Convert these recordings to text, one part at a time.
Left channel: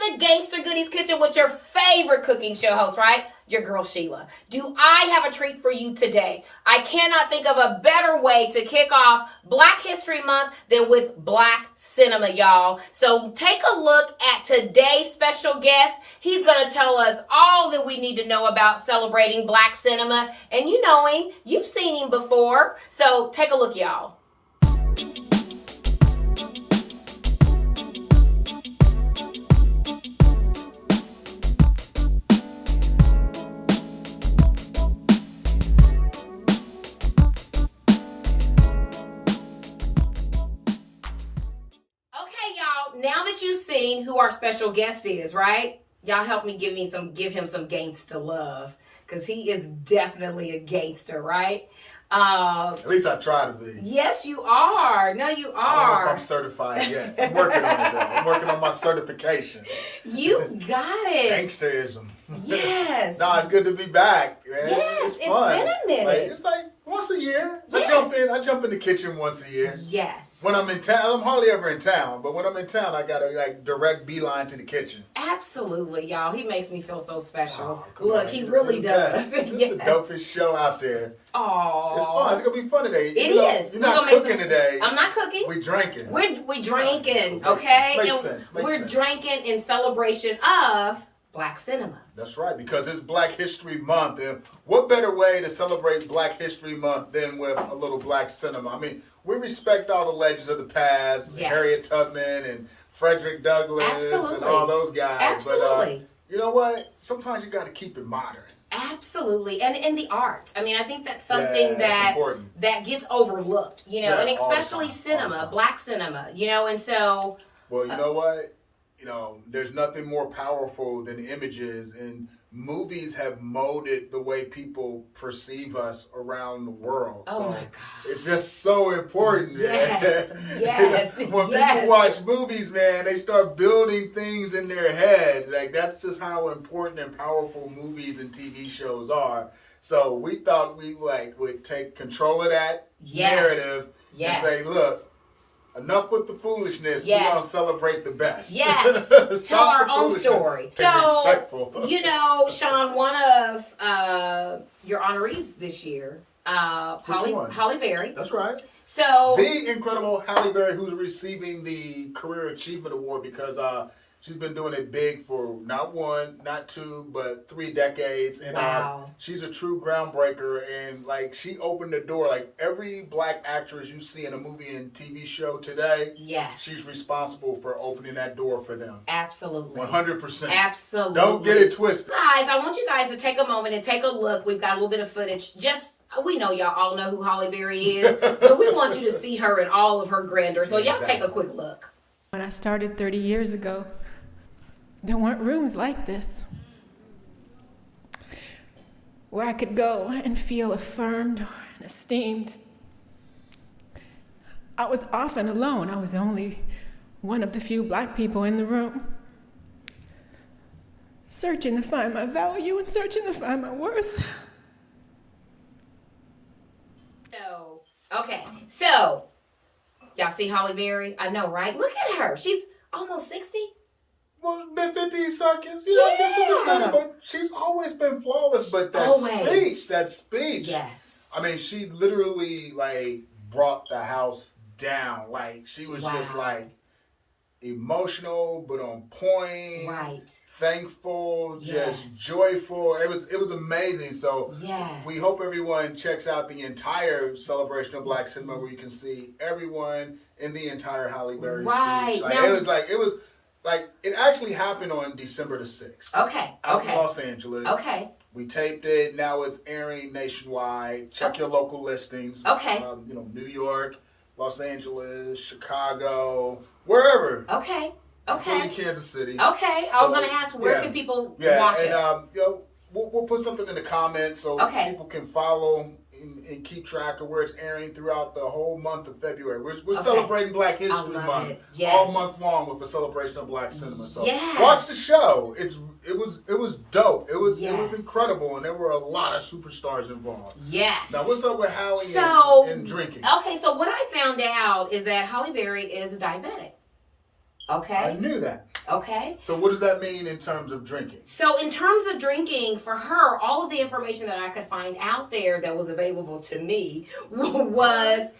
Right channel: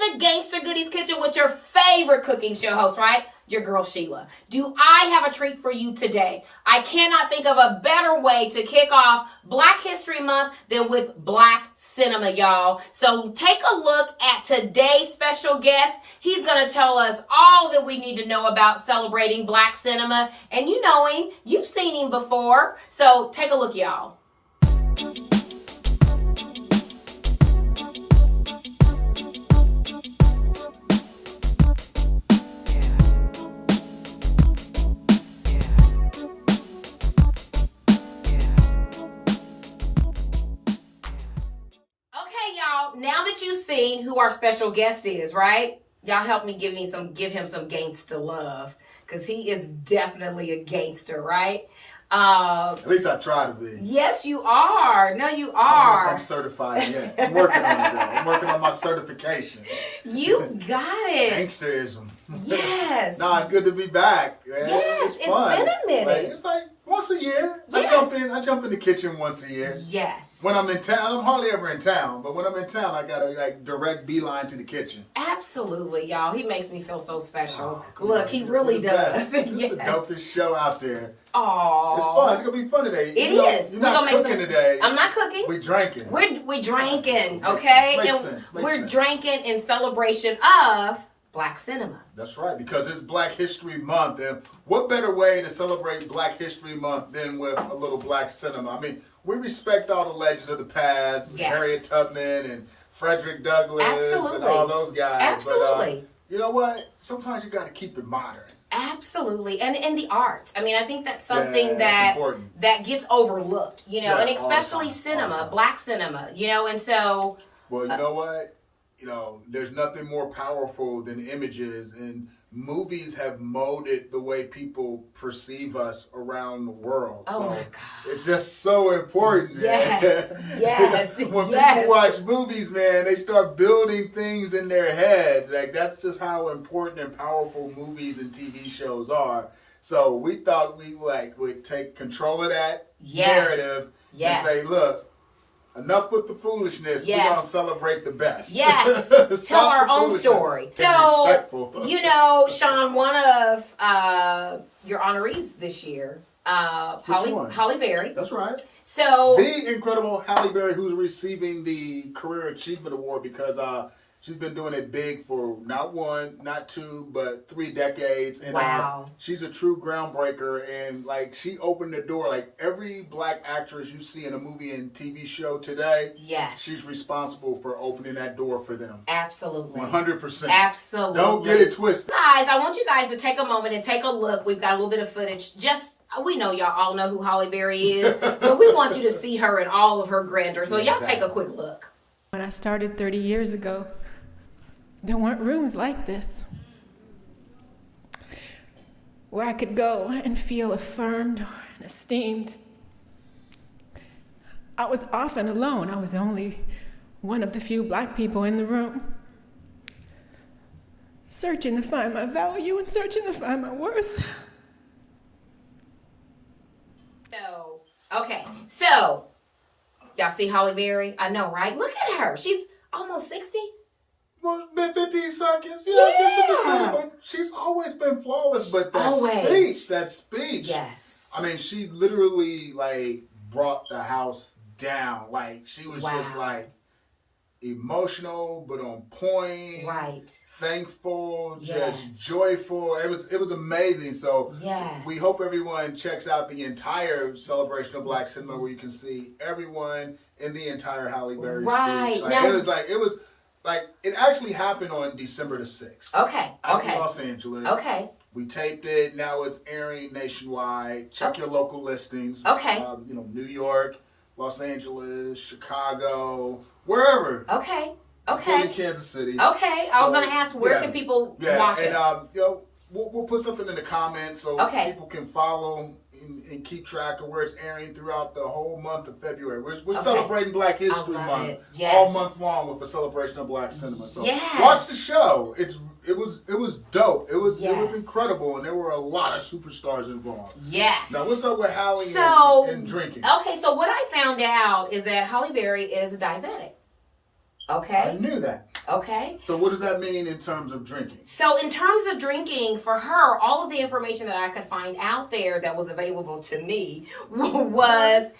the Gangsta Goodies Kitchen with your favorite cooking show host, right? Your girl Sheila. Do I have a treat for you today? I cannot think of a better way to kick off Black History Month than with Black cinema, y'all. So take a look at today's special guest. He's going to tell us all that we need to know about celebrating Black cinema. And you know him. You've seen him before. So take a look, y'all. Now that you've seen who our special guest is, right? Y'all help me give him some gangster love, because he is definitely a gangster, right? At least I try to be. Yes, you are. No, you are. I don't know if I'm certified yet. I'm working on it though. I'm working on my certification. You've got it. Gangsterism. Yes. No, it's good to be back. Man. Yes, it's fun. been a minute. Like, it's like once a year. Yes. I jump in the kitchen once a year. Yes. When I'm in town, I'm hardly ever in town, but when I'm in town, I got a direct beeline to the kitchen. Absolutely, y'all. He makes me feel so special. Oh, Look, he really does. This is the dopest show out there. Aww. It's fun. It's gonna be fun today. It is. You're not cooking today. I'm not cooking. We're drinking. We're drinking, okay? Makes sense. We're drinking in celebration of Black cinema. That's right, because it's Black History Month, and what better way to celebrate Black History Month than with a little Black cinema? I mean, we respect all the legends of the past, yes. Harriet Tubman and Frederick Douglass, absolutely. and all those guys. Absolutely. But you know what? Sometimes you got to keep it modern. Absolutely, and the arts. I mean, I think that's something that gets overlooked, you know, Yeah, and especially cinema, Black cinema, you know, and so. Well, you know what? You know, there's nothing more powerful than images, and movies have molded the way people perceive us around the world. Oh, so my God. It's just so important. Yes, man. yes, When yes. people watch movies, man, they start building things in their heads. Like, that's just how important and powerful movies and TV shows are. So we thought we would take control of that narrative and say, look, enough with the foolishness. Yes. We're going to celebrate the best. Yes. Tell our own story. So, you know, Shawn, one of your honorees this year, Halle Berry. That's right. So the incredible Halle Berry, who's receiving the Career Achievement Award because she's been doing it big for not one, not two, but 3 decades. And wow. She's a true groundbreaker. And like, she opened the door. Like, every Black actress you see in a movie and TV show today, yes, she's responsible for opening that door for them. Absolutely. 100%. Absolutely. Don't get it twisted. Guys, I want you guys to take a moment and take a look. We've got a little bit of footage. We know y'all all know who Halle Berry is, but we want you to see her in all of her grandeur. So y'all take a quick look. When I started 30 years ago, there weren't rooms like this where I could go and feel affirmed and esteemed. I was often alone. I was only one of the few Black people in the room, searching to find my value and searching to find my worth. Okay, so y'all see Halle Berry? I know, right? Look at her. She's almost 60. Well, been 15 seconds. Yeah. But she's always been flawless. But that speech. Yes. I mean, she literally, brought the house down. Like, she was just, emotional, but on point. Right. Thankful, just joyful. It was amazing. So we hope everyone checks out the entire celebration of Black cinema, where you can see everyone in the entire Halle Berry speech. It actually happened on December the 6th. Okay. Out in Los Angeles. Okay. We taped it. Now it's airing nationwide. Check your local listings. Okay. New York, Los Angeles, Chicago, wherever. Okay. Including Kansas City. Okay. I was going to ask, where can people watch it? We'll put something in the comments so people can follow and keep track of where it's airing throughout the whole month of February. We're celebrating Black History Month all month long with a celebration of Black cinema. So watch the show. It was dope. It was incredible, and there were a lot of superstars involved. Yes. Now what's up with Halle and drinking? Okay, so what I found out is that Halle Berry is a diabetic. Okay. I knew that. Okay. So what does that mean in terms of drinking? So in terms of drinking, for her, all of the information that I could find out there that was available to me was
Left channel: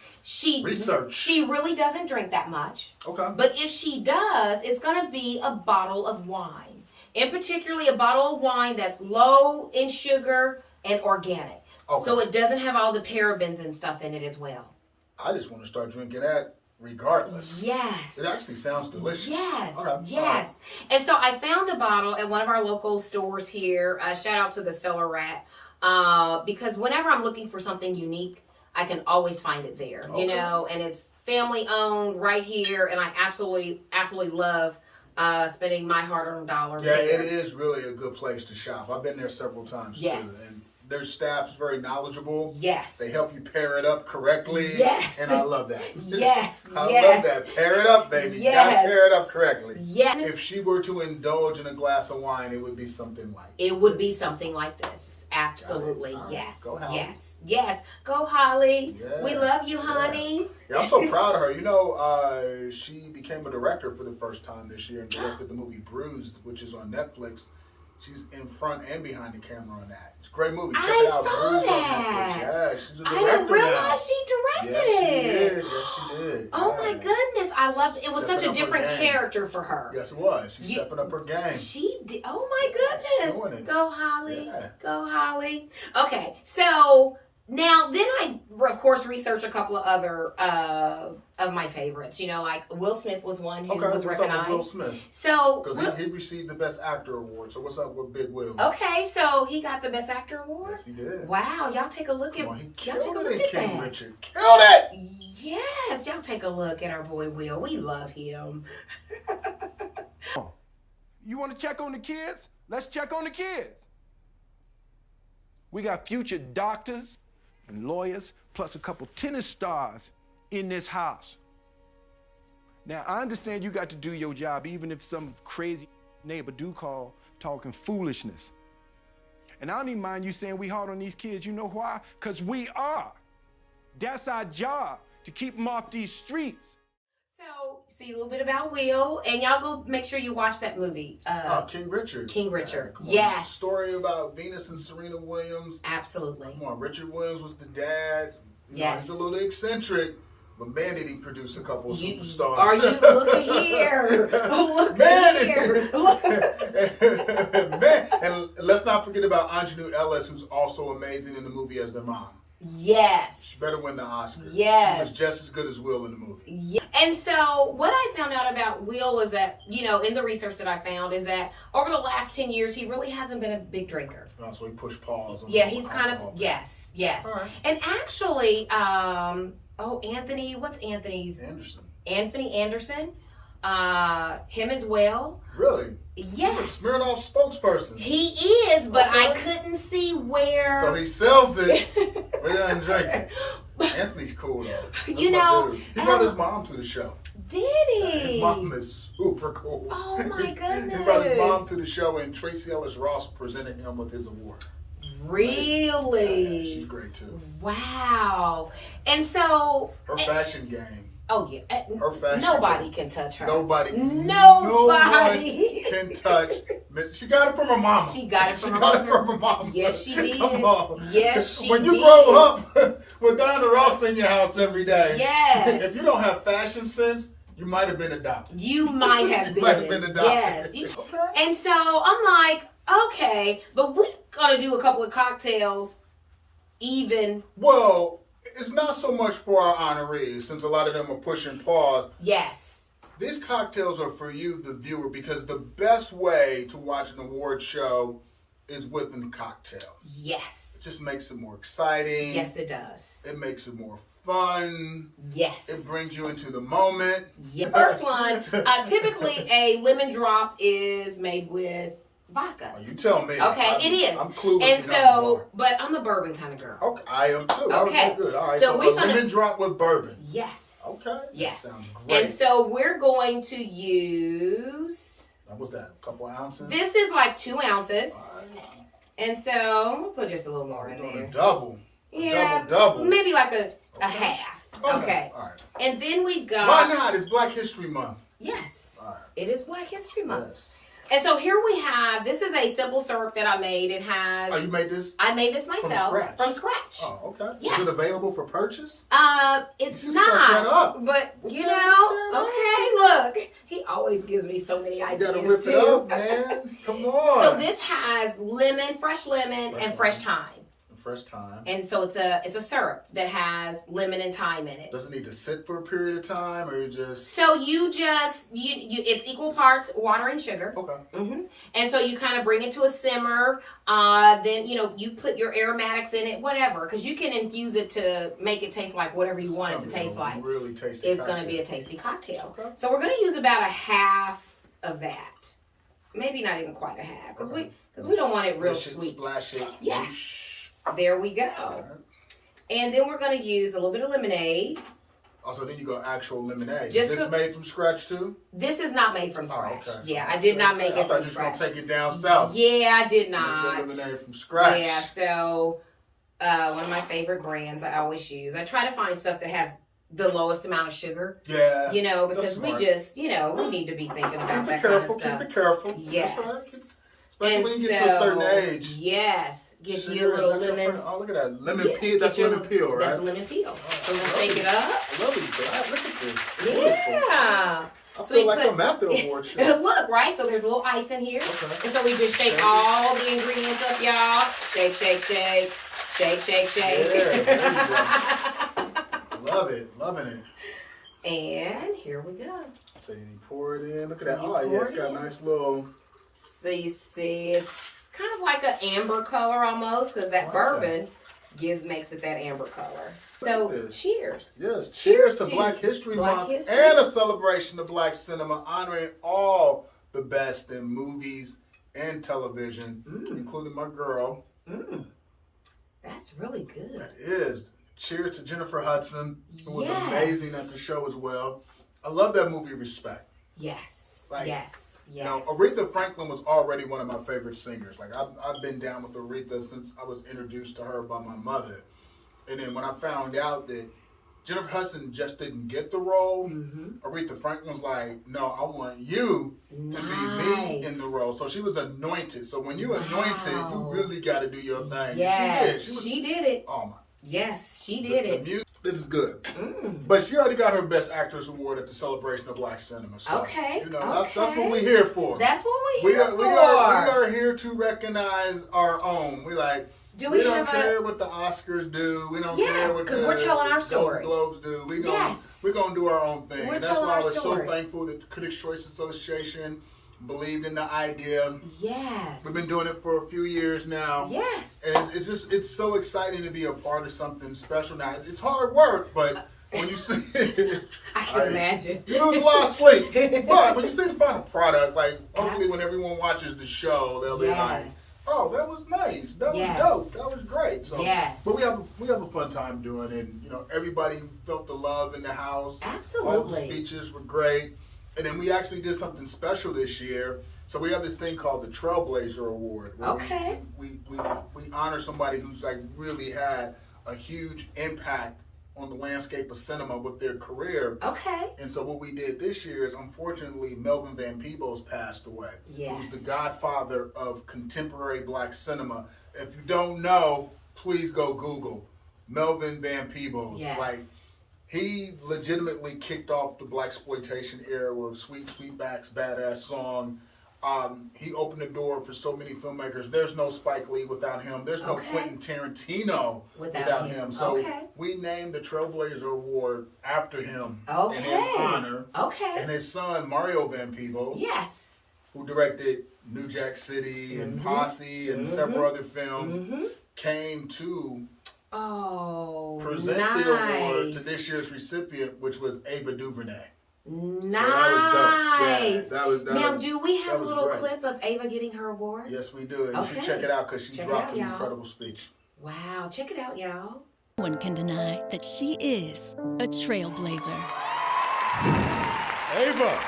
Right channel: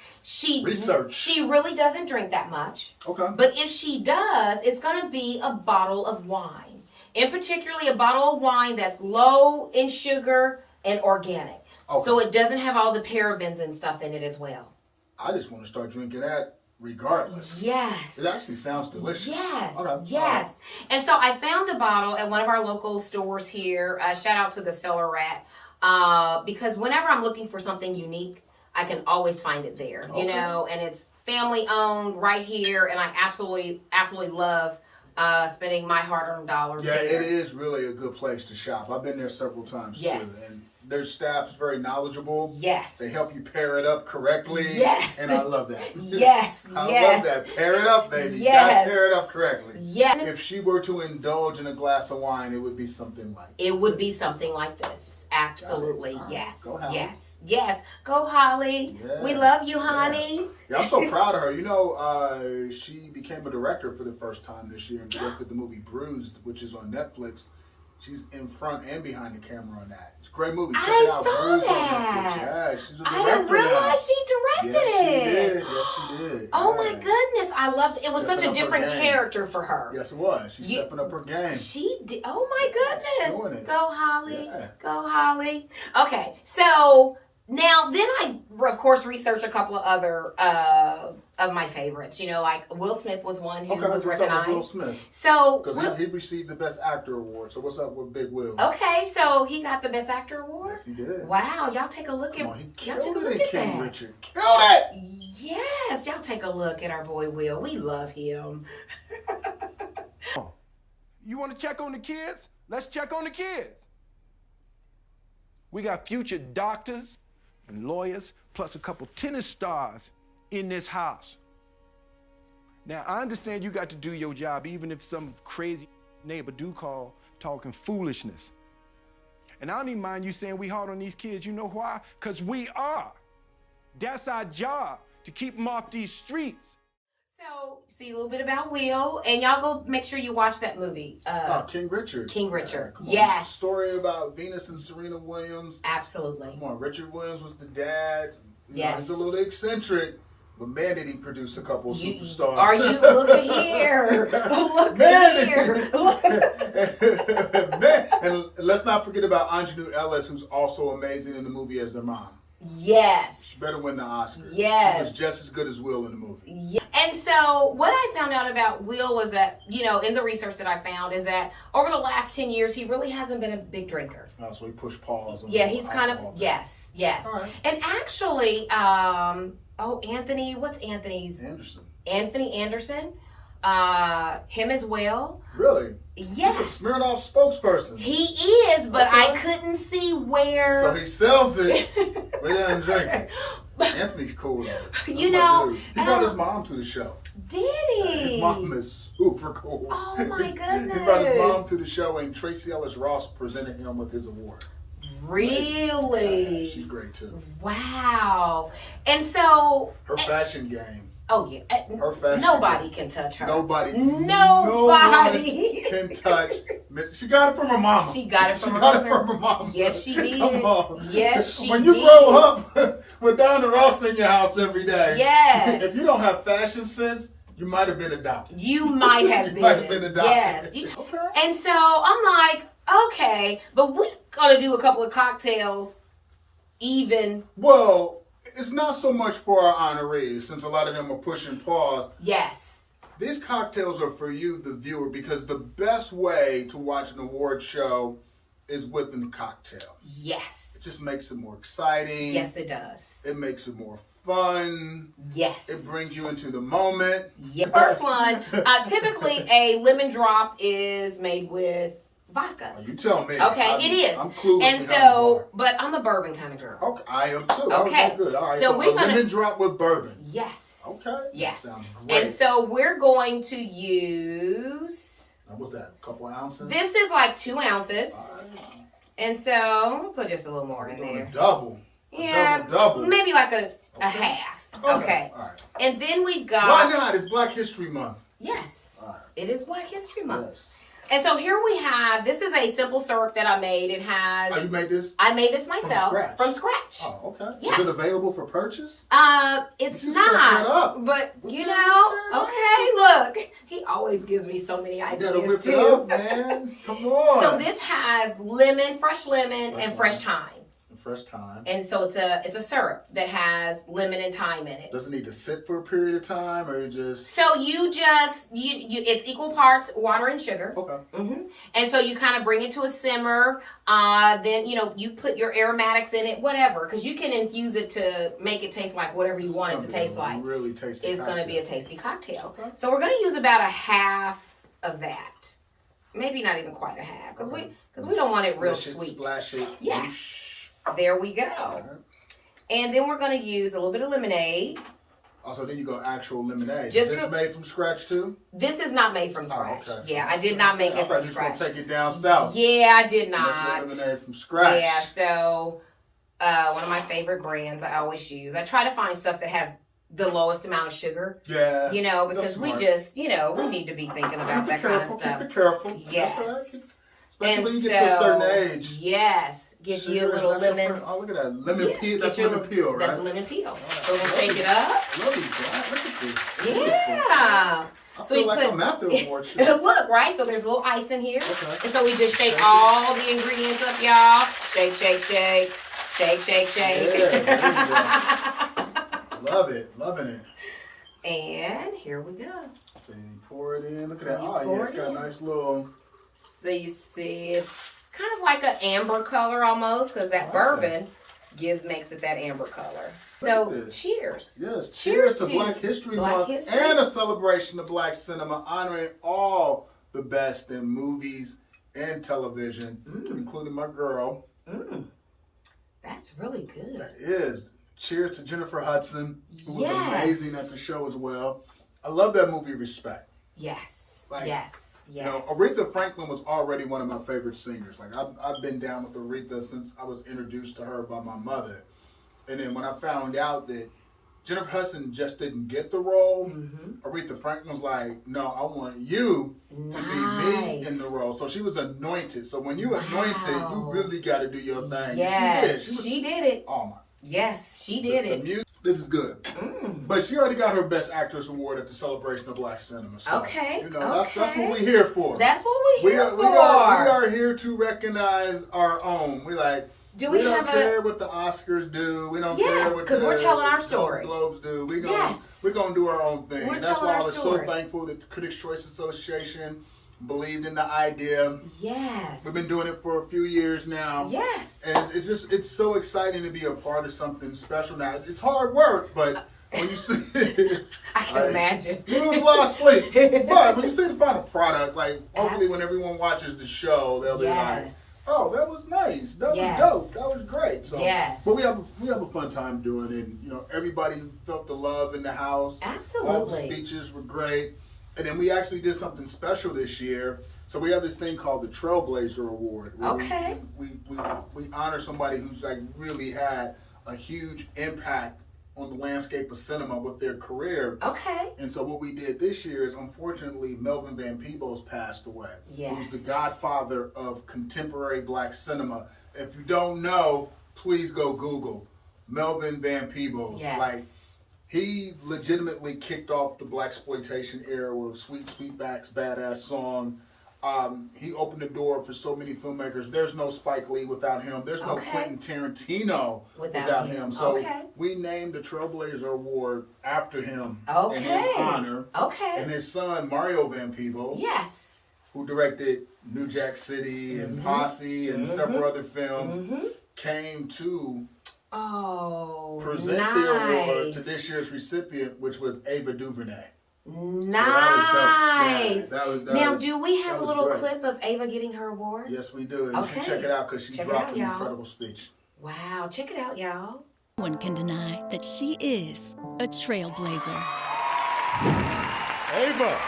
research. She really doesn't drink that much. Okay. But if she does, it's going to be a bottle of wine. In particularly a bottle of wine that's low in sugar and organic. Okay. So it doesn't have all the parabens and stuff in it as well. I just want to start drinking that regardless. Yes. It actually sounds delicious. Yes. Okay. Yes. Right. And so I found a bottle at one of our local stores here. Shout out to the Cellar Rat. Because whenever I'm looking for something unique, I can always find it there. Okay. You know, and it's family owned right here. And I absolutely love spending my hard-earned dollars. Yeah, there. it is really a good place to shop. I've been there several times too. And their staff is very knowledgeable. Yes. They help you pair it up correctly. Yes. And I love that. Yes. I love that. Pair it up, baby. Yes. You gotta pair it up correctly. Yeah. If she were to indulge in a glass of wine, it would be something like this. It would be something like this. Absolutely. Right. Yes. Go Holly. Yes. Yes. Go Holly. Yeah. We love you, honey. Yeah, I'm so proud of her. You know, she became a director for the first time this year and directed the movie Bruised, which is on Netflix. She's in front and behind the camera on that. It's a great movie. Check it out. Saw that. Yeah, she's a director. I didn't realize she directed it. Yes, she did. Oh my goodness, I loved it. It was such a different character for her. Yes, it was. She's stepping up her game. She did. Oh my goodness. She's doing it. Go Holly. Yeah. Go Holly. Okay, so now then I of course researched a couple of other of my favorites. You know, like Will Smith was one who was recognized. Up with Will Smith? So because he received the Best Actor award. So what's up with Big Will? Okay, so he got the Best Actor award. Yes, he did. Wow, y'all take a look at. He killed it in King Richard. Killed it. Yes, y'all take a look at our boy Will. We love him. You want to check on the kids? Let's check on the kids. We got future doctors and lawyers, plus a couple tennis stars in this house. Now, I understand you got to do your job, even if some crazy neighbor do call talking foolishness. And I don't even mind you saying we hard on these kids. You know why? Because we are. That's our job, to keep them off these streets. So, see a little bit about Will, and y'all go make sure you watch that movie. King Richard. King Richard. Yes. It's a story about Venus and Serena Williams. Absolutely. Come on, Richard Williams was the dad. Yes. He's a little eccentric, but man, did he produce a couple of superstars. Are you? Look at here. Look at here. Man, and let's not forget about Anjanou Ellis, who's also amazing in the movie as their mom. Yes. She better win the Oscar. Yes. She was just as good as Will in the movie. Yeah. And so what I found out about Will was that, you know, in the research that I found is that over the last 10 years, he really hasn't been a big drinker. Oh, so he pushed pause on he's kind of, yes. Right. And actually, Anthony, what's Anthony's? Anderson. Anthony Anderson. Him as well. Really? Yes. He's a Smirnoff spokesperson. He is, but I couldn't see where. So he sells it, but he doesn't drink it. Anthony's cool though. You know, he brought his mom to the show. Did he? His mom is super cool. Oh my goodness. He brought his mom to the show, and Tracy Ellis Ross presented him with his award. Really? Yeah, she's great too. Wow. And so her fashion game. Oh yeah, her fashion. Nobody can touch her. Nobody can touch. She got it from her mama. She got it from her mama. Yes, she did. Come on. Yes, she did. When you grow up with Donna Ross in your house every day. Yes. If you don't have fashion sense, you might have been adopted. You might have been. Might have been adopted. Yes. Okay. And so I'm like, okay, but we're gonna do a couple of cocktails, even. Well. It's not so much for our honorees, since a lot of them are pushing pause. Yes. These cocktails are for you, the viewer, because the best way to watch an award show is with a cocktail. Yes. It just makes it more exciting. Yes, it does. It makes it more fun. Yes. It brings you into the moment. Yeah. First one, typically a lemon drop is made with vodka. Oh, you tell me. Okay, it is. I'm clueless. And so, but I'm a bourbon kind of girl. Okay, I am too. Okay, good. All right. So we're gonna lemon drop with bourbon. Yes. Okay. Yes. That sounds great. And so we're going to use. What's that? A couple ounces. This is like 2 ounces. Right. And so we'll put just a little more in there. A double. Yeah. Double. Maybe like a half. Okay. All right. And then we've got. Why not? It's Black History Month. Yes. It is Black History Month. Yes. And so here we have, this is a simple syrup that I made. It has... Oh, you made this? I made this myself. From scratch? Oh, okay. Yes. Is it available for purchase? It's you not. That up. But, you know, okay, look. He always gives me so many ideas, you gotta whip too. it up, man. Come on. So this has fresh lemon, and fresh thyme. Fresh thyme. And so it's a syrup that has lemon and thyme in it. Does it need to sit for a period of time, or just? So you it's equal parts water and sugar. Okay. Mm-hmm. And so you kind of bring it to a simmer. Then you put your aromatics in it, whatever, because you can infuse it to make it taste like whatever you want it to taste like. Really tasty. It's going to be a tasty cocktail. Okay. So we're going to use about a half of that, maybe not even quite a half, because we don't want it real sweet. Splash it. Yes. There we go. And then we're going to use a little bit of lemonade. Also, then you go actual lemonade. Just is this made from scratch too? This is not made from scratch. Okay. Yeah, I did not make it from scratch. scratch. Take it down south. Yeah, I did not. Make lemonade from scratch. Yeah, so one of my favorite brands I always use. I try to find stuff that has the lowest amount of sugar. Yeah. Because we just, we need to be thinking about that kind of stuff. Keep it careful. Yes. Especially when you get to a certain age. Yes. Give you a little lemon. Oh, look at that. Lemon peel. That's lemon peel, right? That's lemon peel. So then shake it up. Lovely, God. Look at this. Yeah. I feel like I'm at the award show. Look, right? So there's a little ice in here. Okay. And so we just shake all the ingredients up, y'all. Shake, shake, shake. Shake, shake, shake. Yeah, love it. Loving it. And here we go. So you pour it in. Look at that. You Oh, yeah. It's got a nice little... So you see, it's kind of like an amber color almost, because that bourbon makes it that amber color. So cheers. Yes, cheers to Black History Month and a celebration of Black cinema, honoring all the best in movies and television, including my girl. That's really good. That is. Cheers to Jennifer Hudson, who was amazing at the show as well. I love that movie, Respect. Yes. Like, yes. You know, Aretha Franklin was already one of my favorite singers. Like, I've been down with Aretha since I was introduced to her by my mother. And then when I found out that Jennifer Hudson just didn't get the role, Aretha Franklin was like, no, I want you to be me in the role. So she was anointed. So when you anointed, you really got to do your thing. Yes, she did it. Oh, my. Yes, she did it. The music, this is good. But she already got her Best Actress Award at the Celebration of Black Cinema. So, okay. That's what we're here for. That's what we're here for. We are here to recognize our own. We don't care what the Oscars do. We don't care what because we're telling our story. Golden Globes do. We're gonna do our own thing. And that's why I was so thankful that the Critics' Choice Association believed in the idea. Yes. We've been doing it for a few years now. Yes. And it's so exciting to be a part of something special now. It's hard work, but when you see I can imagine. You lose a lot of sleep. But when you see the final product, hopefully when everyone watches the show, they'll be like, oh, that was nice. That was dope. That was great. So, but we have a fun time doing it. You know, everybody felt the love in the house. Absolutely. All the speeches were great. And then we actually did something special this year. So we have this thing called the Trailblazer Award. Where we honor somebody who's really had a huge impact on the landscape of cinema with their career. Okay. And so what we did this year is, unfortunately, Melvin Van Peebles passed away. Yes. He was the godfather of contemporary Black cinema. If you don't know, please go Google Melvin Van Peebles. Yes. He legitimately kicked off the Blaxploitation era with Sweet Sweetback's Badass Song. He opened the door for so many filmmakers. There's no Spike Lee without him. There's no Quentin Tarantino without him. So we named the Trailblazer Award after him in his honor. And his son, Mario Van Peebles, who directed New Jack City and Posse and several other films, came to present the award to this year's recipient, which was Ava DuVernay. Nice. So that was now, do we have a little clip of Ava getting her award? Yes, we do. And you should check it out because she dropped an incredible speech. Wow. Check it out, y'all. No one can deny that she is a trailblazer. Ava,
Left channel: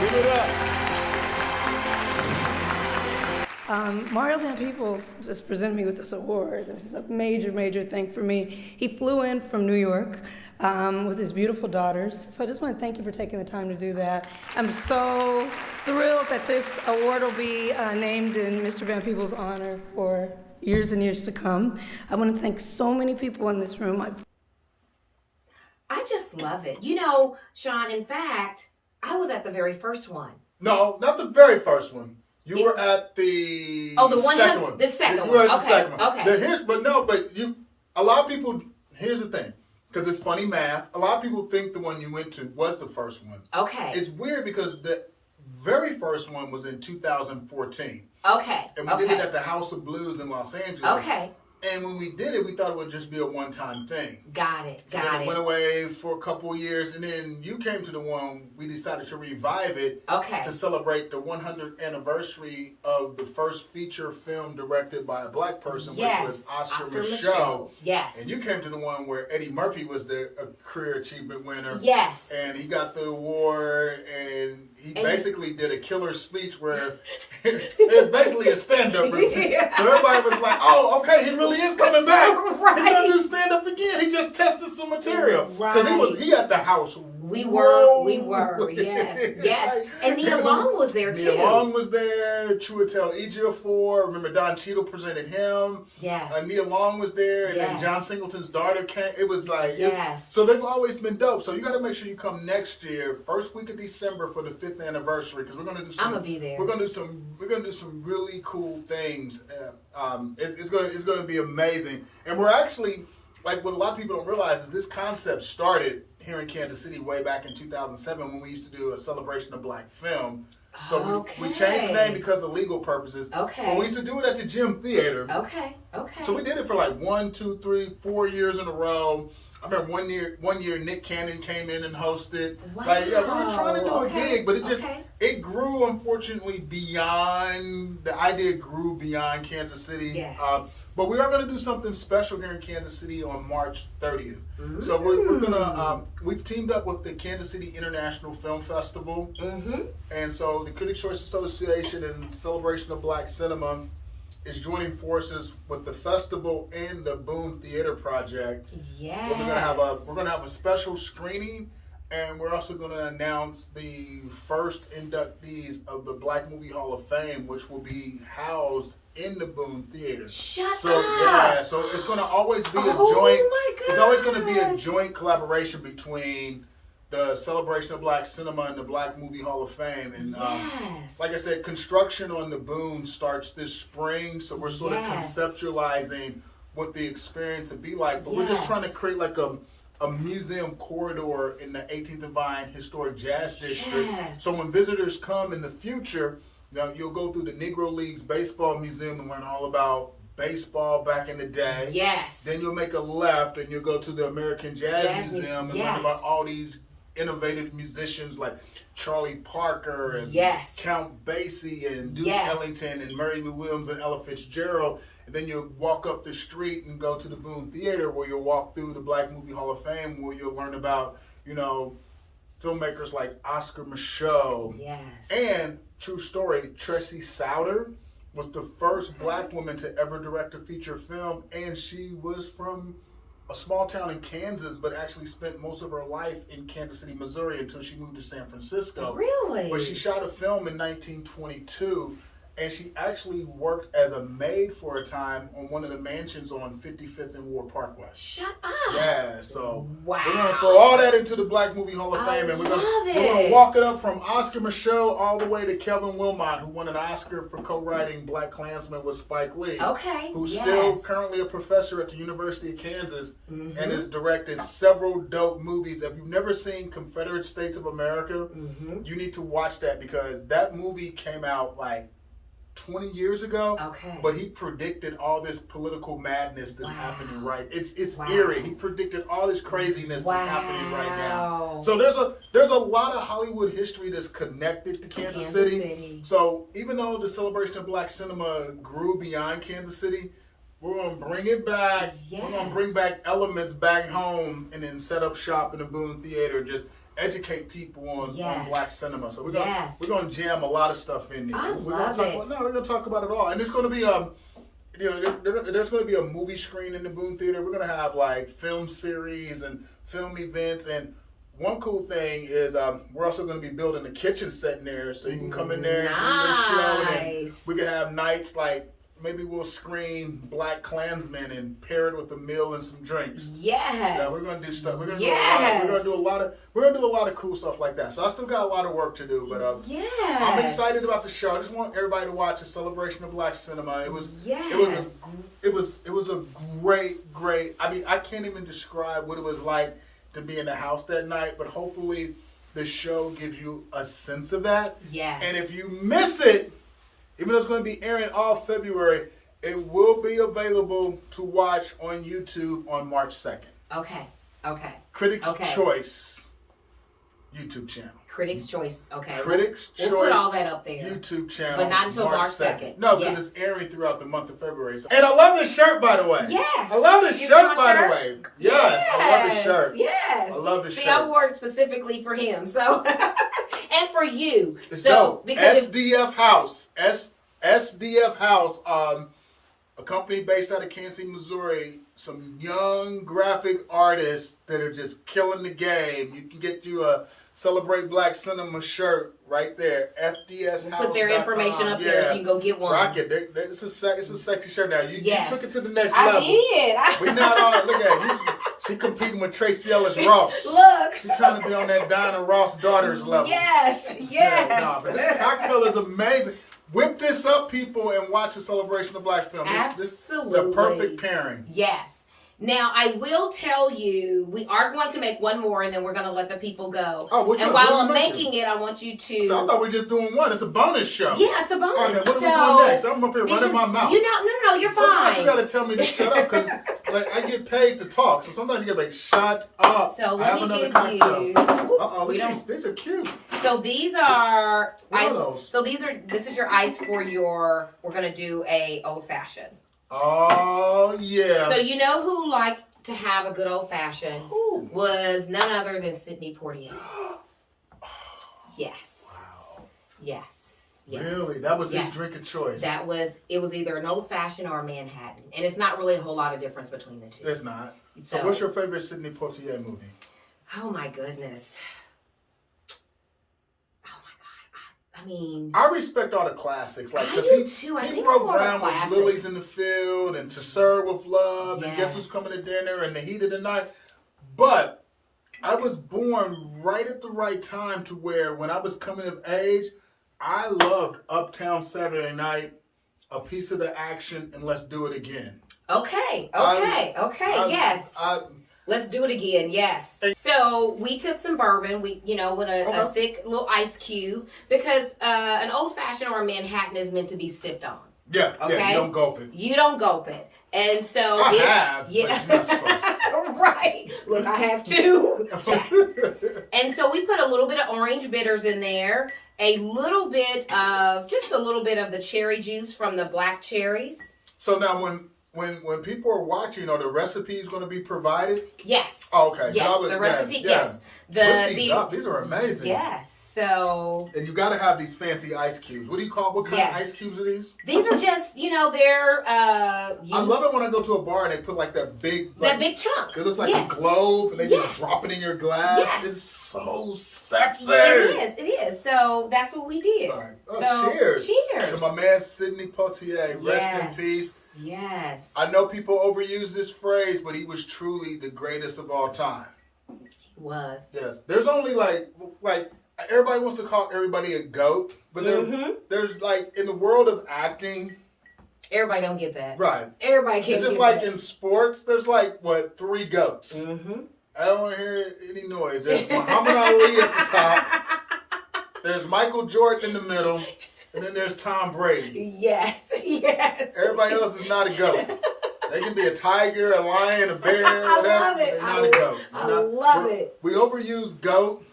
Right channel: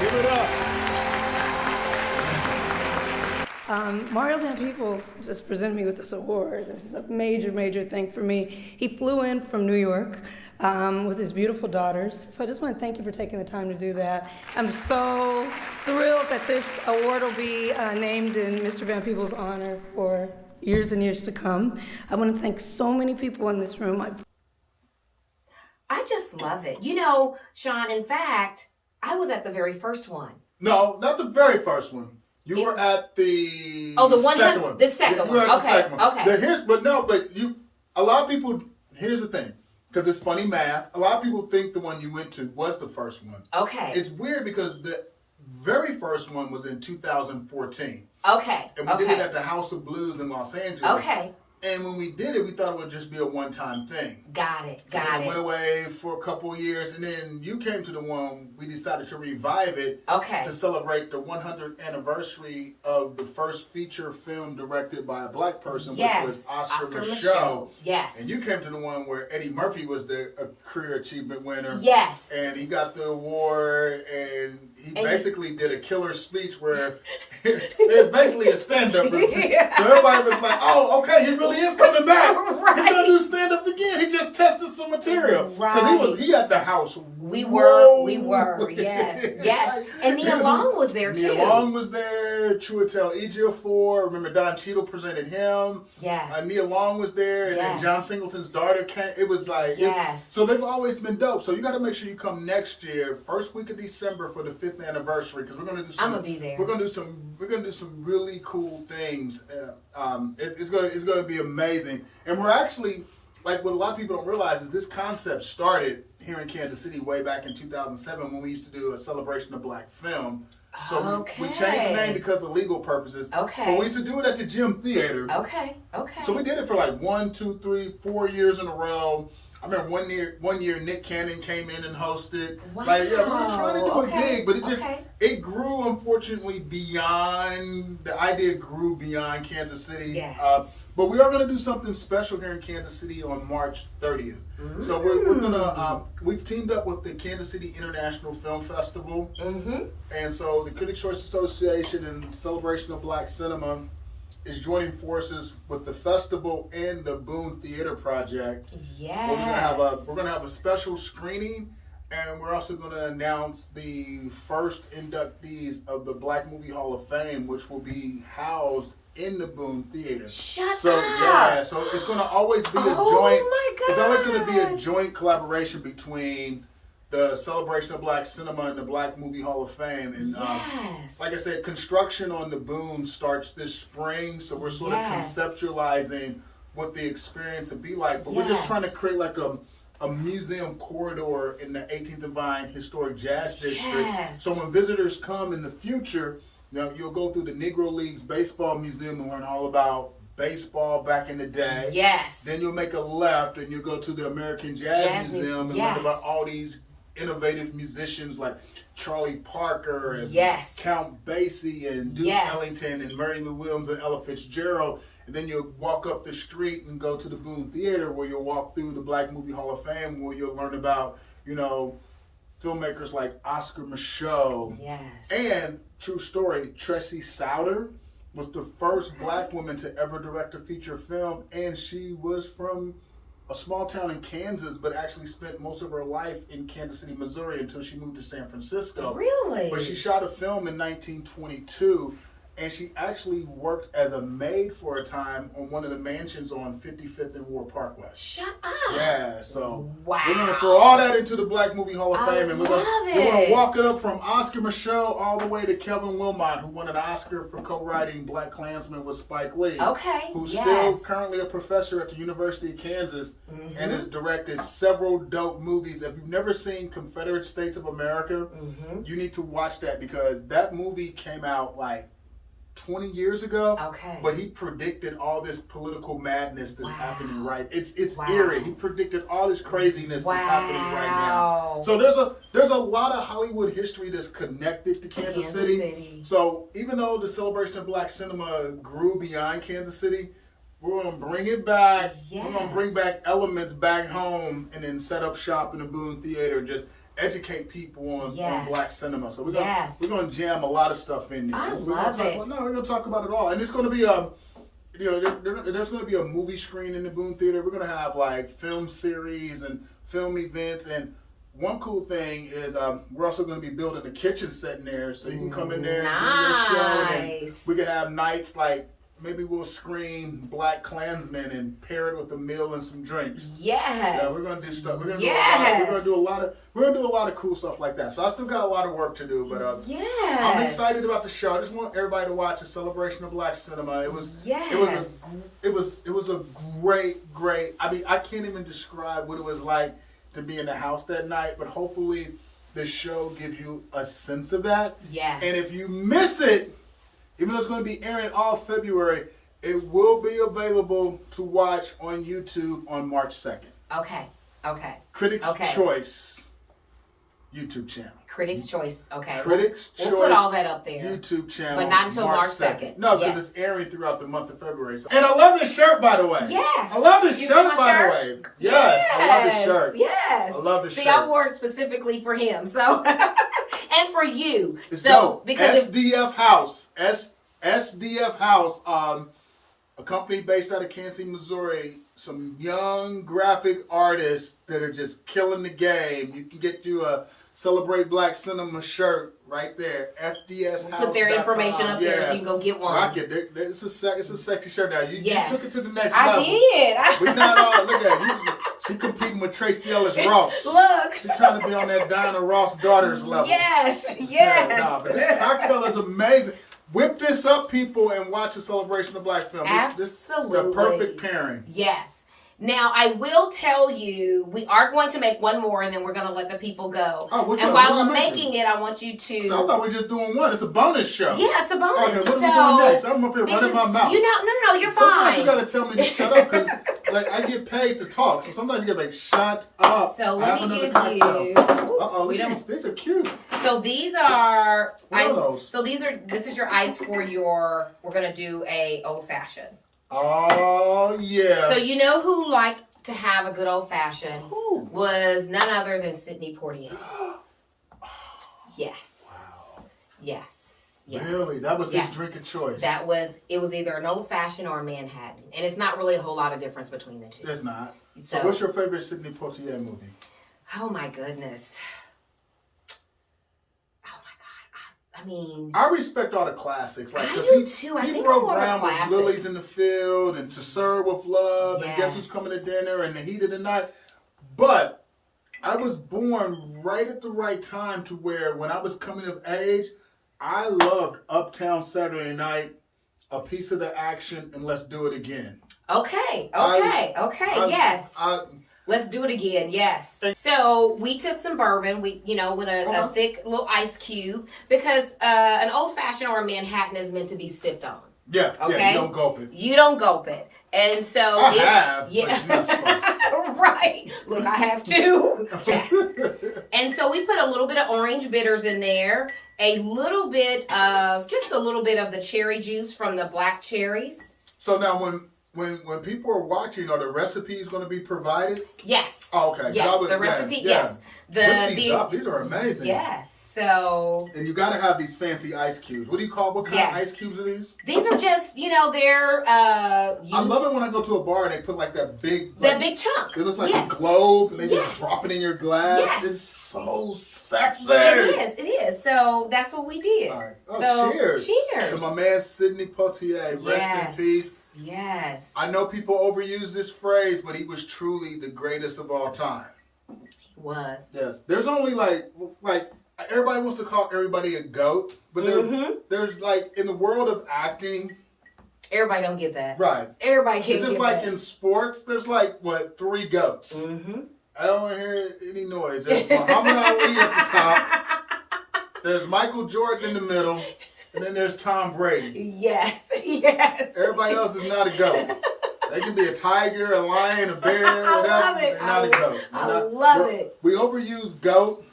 give it up. Mario Van Peebles just presented me with this award. This is a major, major thing for me. He flew in from New York with his beautiful daughters. So I just want to thank you for taking the time to do that. I'm so thrilled that this award will be named in Mr. Van Peebles' honor for years and years to come. I want to thank so many people in this room. I just love it. You know, Shawn, in fact, I was at the very first one. No, not the very first one. You were at the second one. The second one. The second one. Okay. A lot of people, here's the thing, because it's funny math. A lot of people think the one you went to was the first one. Okay. It's weird because the very first one was in 2014. Okay. And we did it at the House of Blues in Los Angeles. Okay. And when we did it, we thought it would just be a one-time thing. Got it. It went away for a couple of years, and then you came to the one, we decided to revive it to celebrate the 100th anniversary of the first feature film directed by a black person, which was Oscar Micheaux. Yes. And you came to the one where Eddie Murphy was the career achievement winner. Yes. And he got the award, and he basically did a killer speech where it's basically a stand-up routine. Yeah. So everybody was like, oh, okay, he really is coming back. Right. He's going to do stand-up again. He just tested some material. Because he had the house. We were, yes. And Nia Long was there, too. Nia Long was there. Chiwetel Ejiofor. Remember, Don Cheadle presented him. Yes. Nia Long was there. And then John Singleton's daughter came. It was like, so they've always been dope. So you got to make sure you come next year, first week of December for the 5th anniversary, because we're going to do some. I'm going to be there. We're going to do some really cool things. It's going to be amazing. And we're actually, like, what a lot of people don't realize is this concept started here in Kansas City way back in 2007 when we used to do a celebration of black film. So we changed the name because of legal purposes. Okay. But we used to do it at the Gym Theater. Okay. So we did it for like 1, 2, 3, 4 years in a row. I remember one year Nick Cannon came in and hosted. Wow. Like, we were trying to do it big, but it grew, unfortunately, the idea grew beyond Kansas City. Yes. But we are going to do something special here in Kansas City on March 30th. So we're going to, we've teamed up with the Kansas City International Film Festival. And so the Critics' Choice Association and Celebration of Black Cinema is joining forces with the festival and the Boone Theater Project. Yes. We're gonna have a special screening, and we're also gonna announce the first inductees of the Black Movie Hall of Fame, which will be housed in the Boone Theater. Shut up. Yeah, so it's gonna always be a joint. My God. It's always gonna be a joint collaboration between the Celebration of Black Cinema and the Black Movie Hall of Fame. And like I said, construction on the Boone starts this spring, so we're sort of conceptualizing what the experience would be like. But we're just trying to create like a museum corridor in the 18th and Vine Historic Jazz District. So when visitors come in the future, you'll go through the Negro Leagues Baseball Museum and learn all about baseball back in the day. Yes. Then you'll make a left and you'll go to the American Jazz Museum and learn about all these innovative musicians like Charlie Parker and Count Basie and Duke Ellington and Mary Lou Williams and Ella Fitzgerald. And then you'll walk up the street and go to the Boone Theater, where you'll walk through the Black Movie Hall of Fame, where you'll learn about, filmmakers like Oscar Micheaux. And, true story, Tracy Souter was the first black woman to ever direct a feature film, and she was from a small town in Kansas, but actually spent most of her life in Kansas City, Missouri, until she moved to San Francisco. Really? But she shot a film in 1922, and she actually worked as a maid for a time on one of the mansions on 55th and War Parkway. Shut up. Yeah, so we're going to throw all that into the Black Movie Hall of Fame, and we're going to walk it up from Oscar Micheaux all the way to Kelvin Wilmot, who won an Oscar for co-writing Black Klansman with Spike Lee. Who's still currently a professor at the University of Kansas and has directed several dope movies. If you've never seen Confederate States of America, you need to watch that, because that movie came out like 20 years ago, but he predicted all this political madness that's happening It's eerie. He predicted all this craziness that's happening right now. So there's a lot of Hollywood history that's connected to Kansas City. So even though the Celebration of Black Cinema grew beyond Kansas City, we're going to bring it back. We're going to bring back elements back home and then set up shop in the Boone Theater. educate people on black cinema. So we're gonna jam a lot of stuff in there. I love it. We're gonna talk about it all, and it's gonna be there's gonna be a movie screen in the Boone Theater. We're gonna have like film series and film events, and one cool thing is we're also gonna be building a kitchen set in there, so you can come in there and do your show, and then we can have nights like. Maybe we'll screen Black Klansmen and pair it with a meal and some drinks. Yes. Yeah, we're gonna do stuff. We're gonna do a lot of cool stuff like that. So I still got a lot of work to do, but I'm excited about the show. I just want everybody to watch a celebration of Black cinema. It was a great. I mean, I can't even describe what it was like to be in the house that night, but hopefully the show gives you a sense of that. Yes. And if you miss it, even though it's going to be airing all February, it will be available to watch on YouTube on March 2nd. Okay. Critics' Choice YouTube channel. Critics' Choice, okay. Critics' Choice. We'll put all that up there. YouTube channel. But not until March 2nd. No, because it's airing throughout the month of February. And I love this shirt, by the way. Yes. I love this shirt, by the way. Yes, I love this shirt. Yes. I love this shirt. See, I wore it specifically for him, so. And for you. It's so dope. because SDF House. SDF House, a company based out of Kansas City, Missouri. Some young graphic artists that are just killing the game. You can get you a Celebrate Black Cinema shirt right there. FDS House. Put their information up there so you can go get one. Rock it. It's a sexy shirt now. You took it to the next I level. did. We not all look at you. She competing with Tracy Ellis Ross. Look. She's trying to be on that Diana Ross daughters level. Yes. But this cocktail is amazing. Whip this up, people, and watch a celebration of Black film. Absolutely. This is the perfect pairing. Yes. Now, I will tell you, we are going to make one more, and then we're going to let the people go. Oh, and while I'm making it, I want you to... So I thought we were just doing one. It's a bonus show. Yeah, it's a bonus. Okay, what are we doing next? I'm up here running my mouth. No, you're fine. Sometimes you got to tell me to shut up, because I get paid to talk. So sometimes you got to be like, shut up. So let me give you... Uh-oh, these are cute. So these are... What are those? So this is your ice for your... We're going to do a old-fashioned. Oh, yeah. So you know who liked to have a good old-fashioned was none other than Sidney Poitier. Yes. Wow. Yes. Really? That was his drink of choice. It was either an old-fashioned or a Manhattan. And it's not really a whole lot of difference between the two. There's not. So what's your favorite Sidney Poitier movie? Oh, my goodness. I mean, I respect all the classics. Like, I do too. I think broke ground with Lilies in the Field and To Serve with Love and Guess Who's Coming to Dinner and The Heat of the Night. But I was born right at the right time to where when I was coming of age, I loved Uptown Saturday Night, A Piece of the Action, and Let's Do It Again. Okay, yes. Let's do it again, yes. So we took some bourbon, with a thick little ice cube, because an old-fashioned or a Manhattan is meant to be sipped on. Yeah, okay? Yeah, you don't gulp it. You don't gulp it. And so I have, but you're not supposed to. Right. Look, I have to. Yes. And so we put a little bit of orange bitters in there, just a little bit of the cherry juice from the black cherries. So now when people are watching, are the recipes going to be provided? Yes. Oh, okay. Yes, the recipe, yes. Whip these up. These are amazing. Yes. So. And you got to have these fancy ice cubes. What kind of ice cubes are these? These are just, they're. I love it when I go to a bar and they put like that big. That big chunk. It looks like a globe and they just drop it in your glass. Yes. It's so sexy. It is. So that's what we did. All right. So, cheers. Cheers. To my man Sidney Poitier. Rest in peace. Yes. I know people overuse this phrase, but he was truly the greatest of all time. He was. Yes. There's only like everybody wants to call everybody a goat, but there's like in the world of acting. Everybody don't get that. Right. Everybody can't get that. It's just like in sports, there's like, 3 goats. Mm-hmm. I don't want to hear any noise. There's Muhammad Ali at the top. There's Michael Jordan in the middle. And then there's Tom Brady. Yes. Everybody else is not a goat. They can be a tiger, a lion, a bear, whatever. I love it. They're not a goat. I love it. We overuse goat.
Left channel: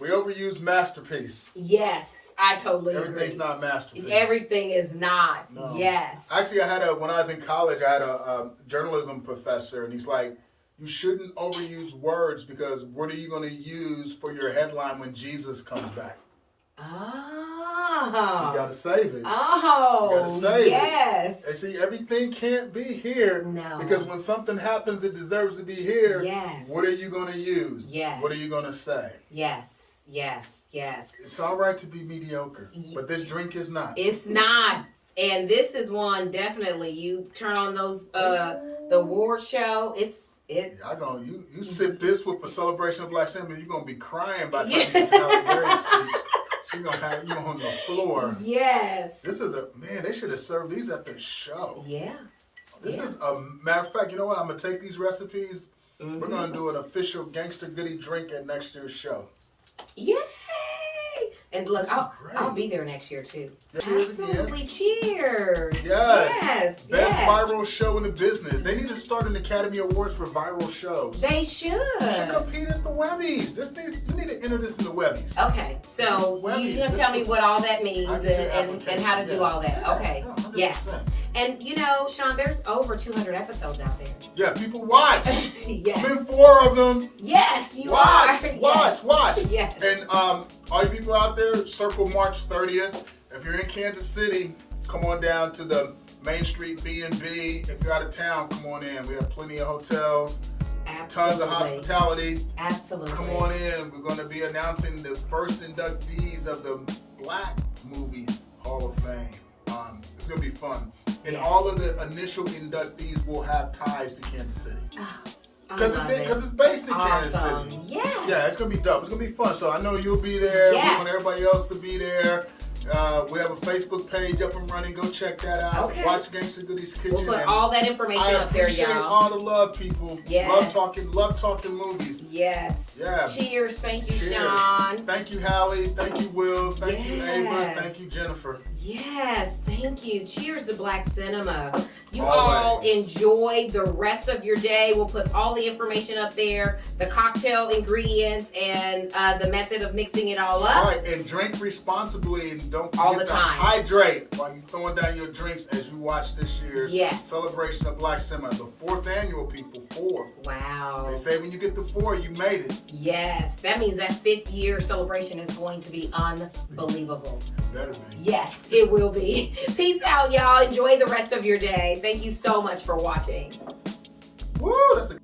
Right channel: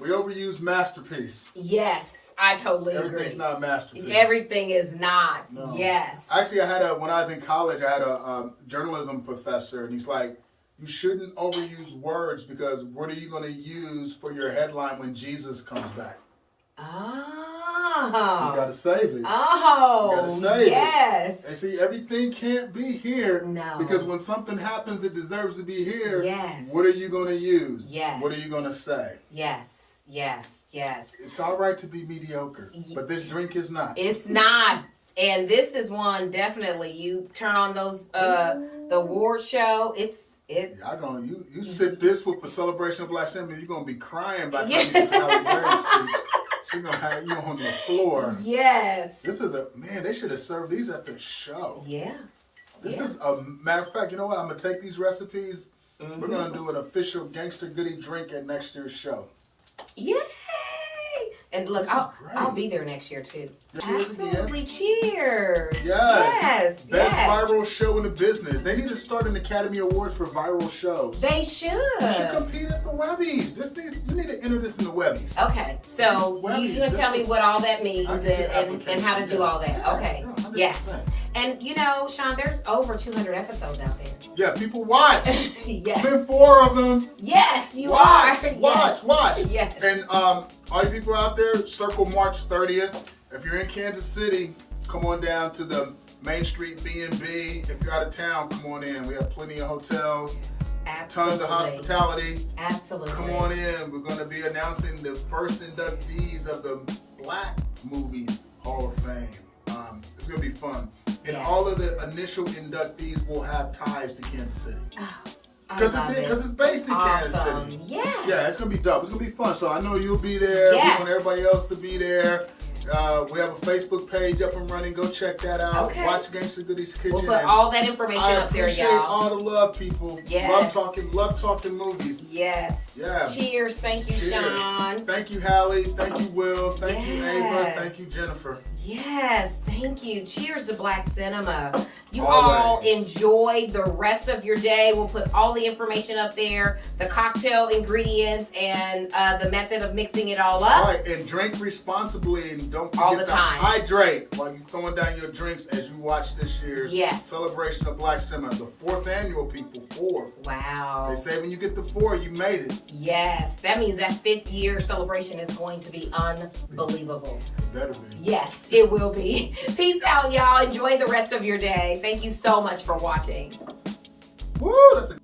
We overuse masterpiece. Yes, I totally agree. Everything's not masterpiece. Everything is not. No. Yes. Actually, when I was in college, I had a journalism professor, and he's like, you shouldn't overuse words, because what are you going to use for your headline when Jesus comes back? Oh. So you got to save it. Oh, you got to save yes. it. And see, everything can't be here. No. Because when something happens that deserves to be here, yes. What are you going to use? Yes. What are you going to say? Yes. Yes. Yes. It's all right to be mediocre, but this drink is not. It's not. And this is one, definitely. You turn on those, the award show, You sip this with a celebration of Black Cinema, you're going to be crying by the time you get to Halle Berry's speech. She's going to have you on the floor. Yes. This is they should have served these at the show. Yeah. This is a matter of fact, you know what? I'm going to take these recipes. We're going to do an official Gangsta Goodie drink at next year's show. Yay! And look, I'll be there next year too. Yeah, absolutely, cheers! Yes. Best yes. viral show in the business. They need to start an Academy Awards for viral shows. They should. You should compete at the Webbies. You need to enter this in the Webbies. Okay, so you're gonna tell me what all that means and how to do all that. Okay, yes. And you know, Shawn, there's over 200 episodes out there. Yeah, people watch. Yes. I'm in 4 of them. Yes, you watch, are. Watch. Yes. And all you people out there, circle March 30th. If you're in Kansas City, come on down to the Main Street B&B. If you're out of town, come on in. We have plenty of hotels. Absolutely. Tons of hospitality. Absolutely. Come on in. We're going to be announcing the first inductees of the Black Movie Hall of Fame. It's going to be fun. And all of the initial inductees will have ties to Kansas City. Because it's based in Kansas City. Yes. Yeah, it's going to be dope. It's going to be fun. So I know you'll be there. Yes. We want everybody else to be there. We have a Facebook page up and running. Go check that out. Okay. Watch Gangsta Goodies Kitchen. We'll put all that information up there, y'all. I appreciate all the love, people. Yes. Love talking movies. Yes. Yeah. Cheers. Thank you, Shawn. Thank you, Hallie. Thank you, Will. Thank you, Ava. Thank you, Jennifer. Yes, thank you. Cheers to Black cinema. You Always. all enjoy the rest of your day. We'll put all the information up there, the cocktail ingredients, and the method of mixing it all up. Right, and drink responsibly, and don't All forget the to time. hydrate while you're throwing down your drinks as you watch this year's celebration of Black cinema. The 4th annual, people. 4. Wow. They say when you get to 4, you made it. Yes, that means that 5th year celebration is going to be unbelievable. It better be. Yes, it will be. Peace out, y'all. Enjoy the rest of your day. Thank you so much for watching. Woo, that's a